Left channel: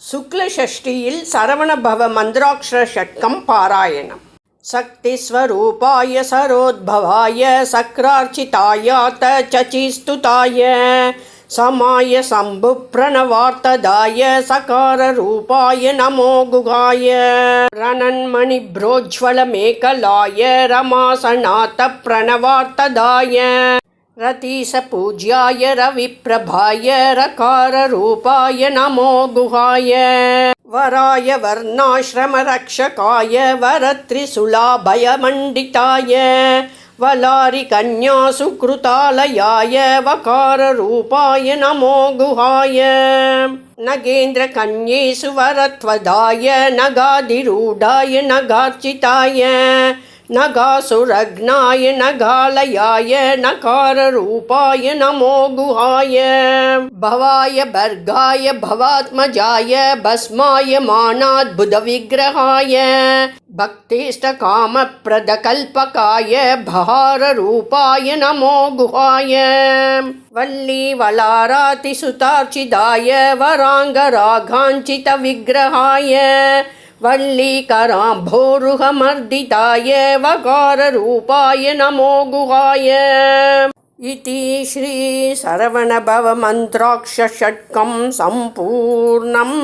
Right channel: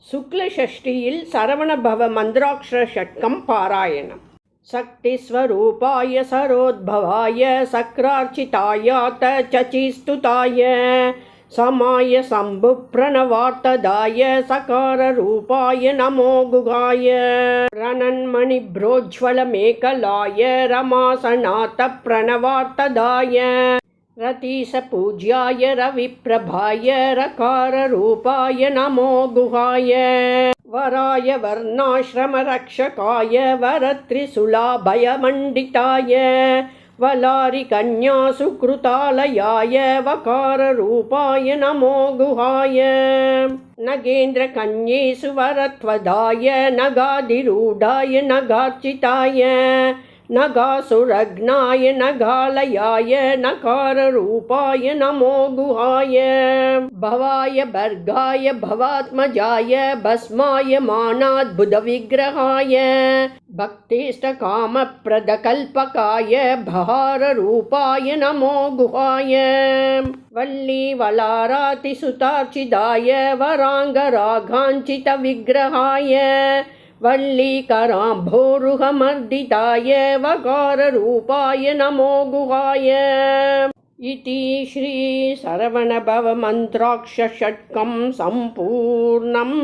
சுக்லஷஷ்டியில் சரவணபவ மந்திராட்சர ஷட்கம் பாராயணம். சக்திஸ்வரூபாய சரோத்பவாய சக்ரார்ச்சிதாயாத்த சச்சிஸ்துதாய சமாய சம்பு பிரணவார்த்ததாய சகாரரூபாய நமோ குகாய ரணன்மணி புரோஜ்வலமேகலாய ரமாசநாத்த பிரணவார்த்ததாய रतीशपूज्याय रविप्रभाय रकाररूपाय नमो गुहाय। वराय वर्णाश्रमरक्षकाय वरत्रिशूलाभयमण्डिताय। वलारिकन्यासुकृतालयाय वकाररूपाय नमो गुहाय। नगेन्द्रकन्येषु वरत्वदाय नगाधिरूढाय नगार्चिताय नगासुरघ्नाय नगालयाय नकाररूपाय नमो गुहाय भवाय भर्गाय भवात्मजाय भस्माय मानाद्भुतविग्रहाय भक्तिष्टकामप्रदकल्पकाय बहाररूपाय नमो गुहाय वल्लीवलारातिसुतार्चिताय वराङ्गराघाञ्चितविग्रहाय वल्लीकराम्भोरुहमर्दिताय वकाररूपाय नमो गुहाय इति श्रीशरवणभवमन्त्राक्षषट्कं सम्पूर्णम्